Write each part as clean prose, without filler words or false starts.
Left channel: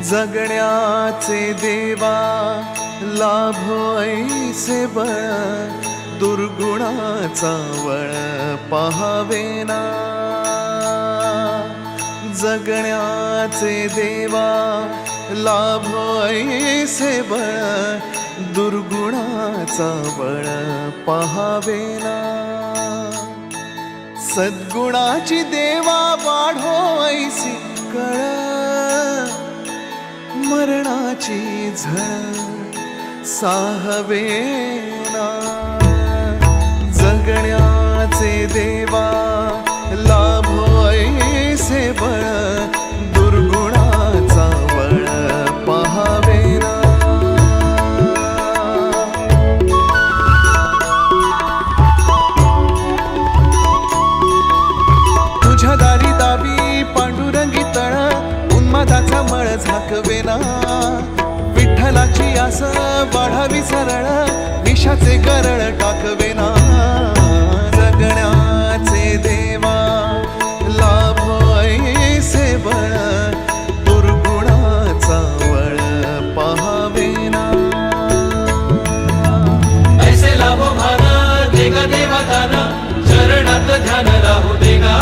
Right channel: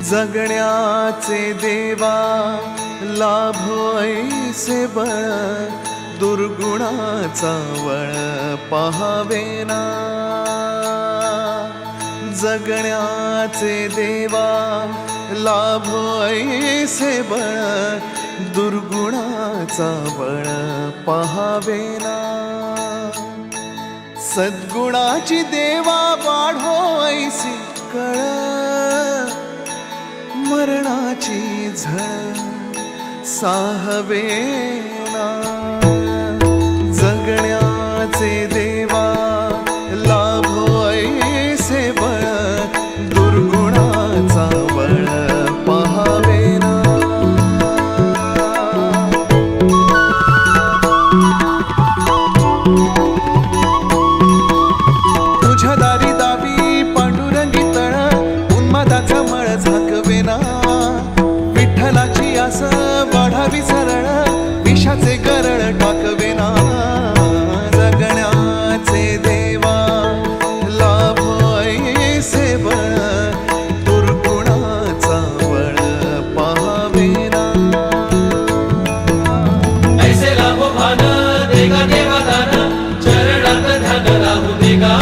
जगण्याचे देवा लाभो ऐसे बळ, दुर्गुणाचा वळ पहावेना। जगण्याचे देवा लाभो ऐसे बळ, दुर्गुणाचा बळ पहावेना। सद्गुणाची देवा वाढो ऐसी कळ, मरणाची झळ साहवेना। जगण्याचे देवा लाभो ऐसे बळ, दुर्गुणाचा बळ पहावेना। तुझ्या दारी दावी पांडुरंगी तळ, उन्मादाचा मळ झाकवेना। विठ्ठलाची आस वाढावी सरळ, विषाचे गरळ टाकवेना। जगण्याचे देवा लाभो ऐसे बळ, दुर्गुणाचा वळ पहावेना। ऐसे लाभो भान देगा देवा दान, चरणात ध्यान लावू देगा।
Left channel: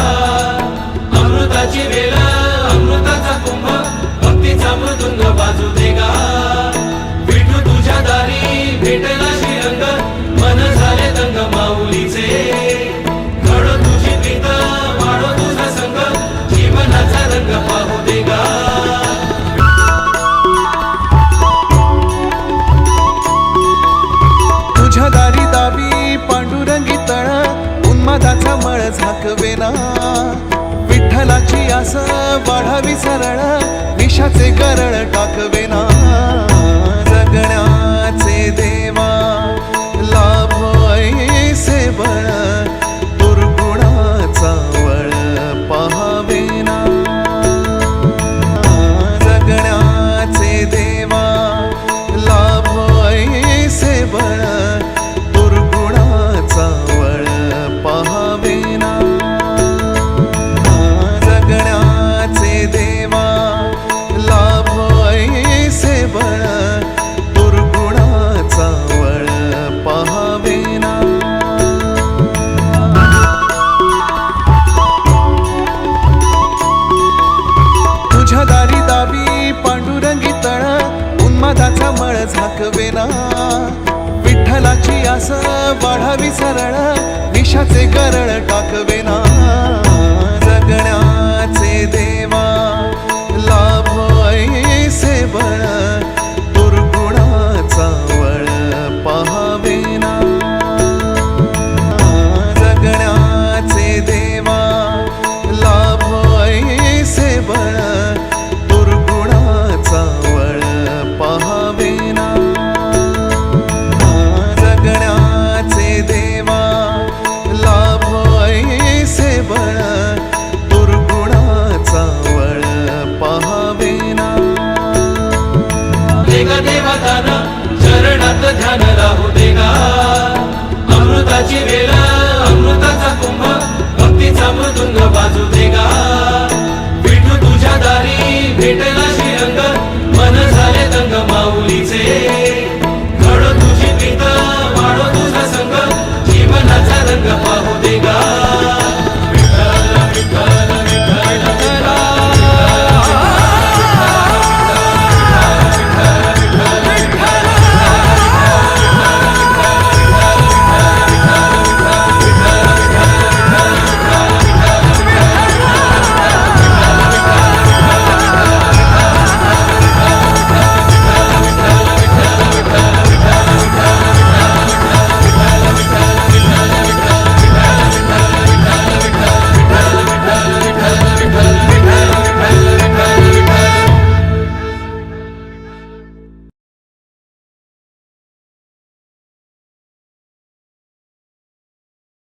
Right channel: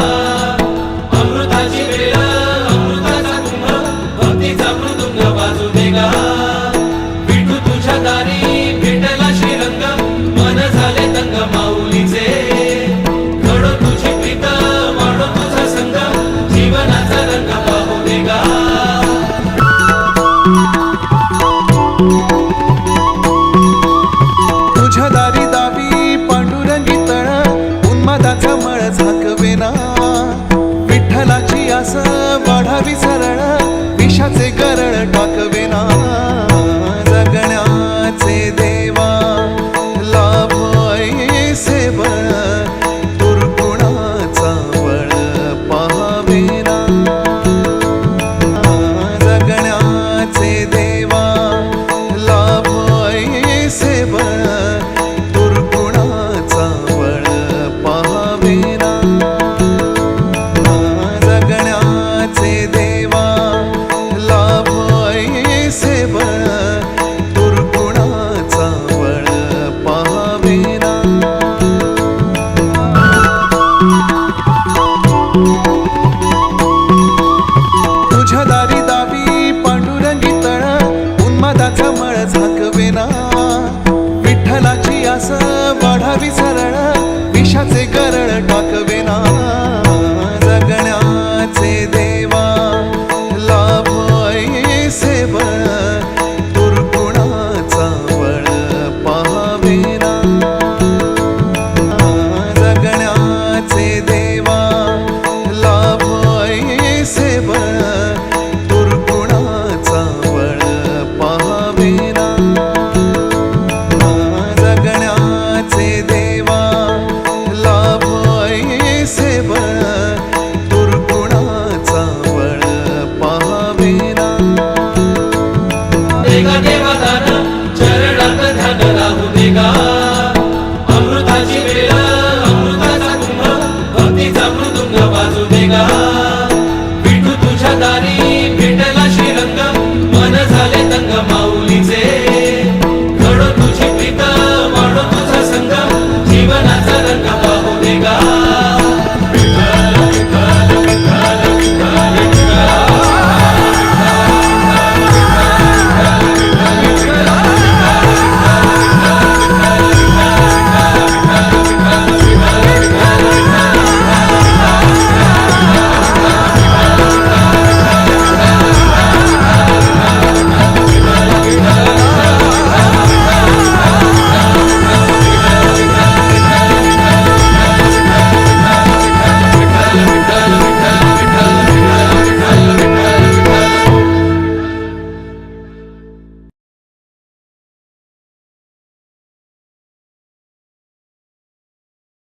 अमृताची वेळ अमृताचा कुंभ, भक्तीचा मृदुंग वाजू देगा। विठू तुझ्या दारी भेटला श्रीरंग, मन झाले दंग माऊलीचे। घडो तुझी प्रीत वाढो तुझा संग, जीवनाचा रंग पाहू देगा। तुझ्या दारी दावी पांडुरंगी तळ, उन्मादाचा मळ झाकवेना। विठ्ठलाची आस वाढावी सरळ, विषाचे गरळ टाकवेना। जगण्याचे देवा लाभो ऐसे बळ, दुर्गुणाचा वळ पहावेना। जगण्याचे देवा लाभो ऐसे बळ, दुर्गुणाचा वळ पहावेना। जगण्याचे देवा लाभो ऐसे बळ, दुर्गुणाचा वळ पहावेना। तुझ्या दारी दावी पांडुरंगी तळ, उन्मादाचा मळ झाकवेना। विठ्ठलाची आस वाढावी सरळ, विषाचे गरळ टाकवेना। जगण्याचे देवा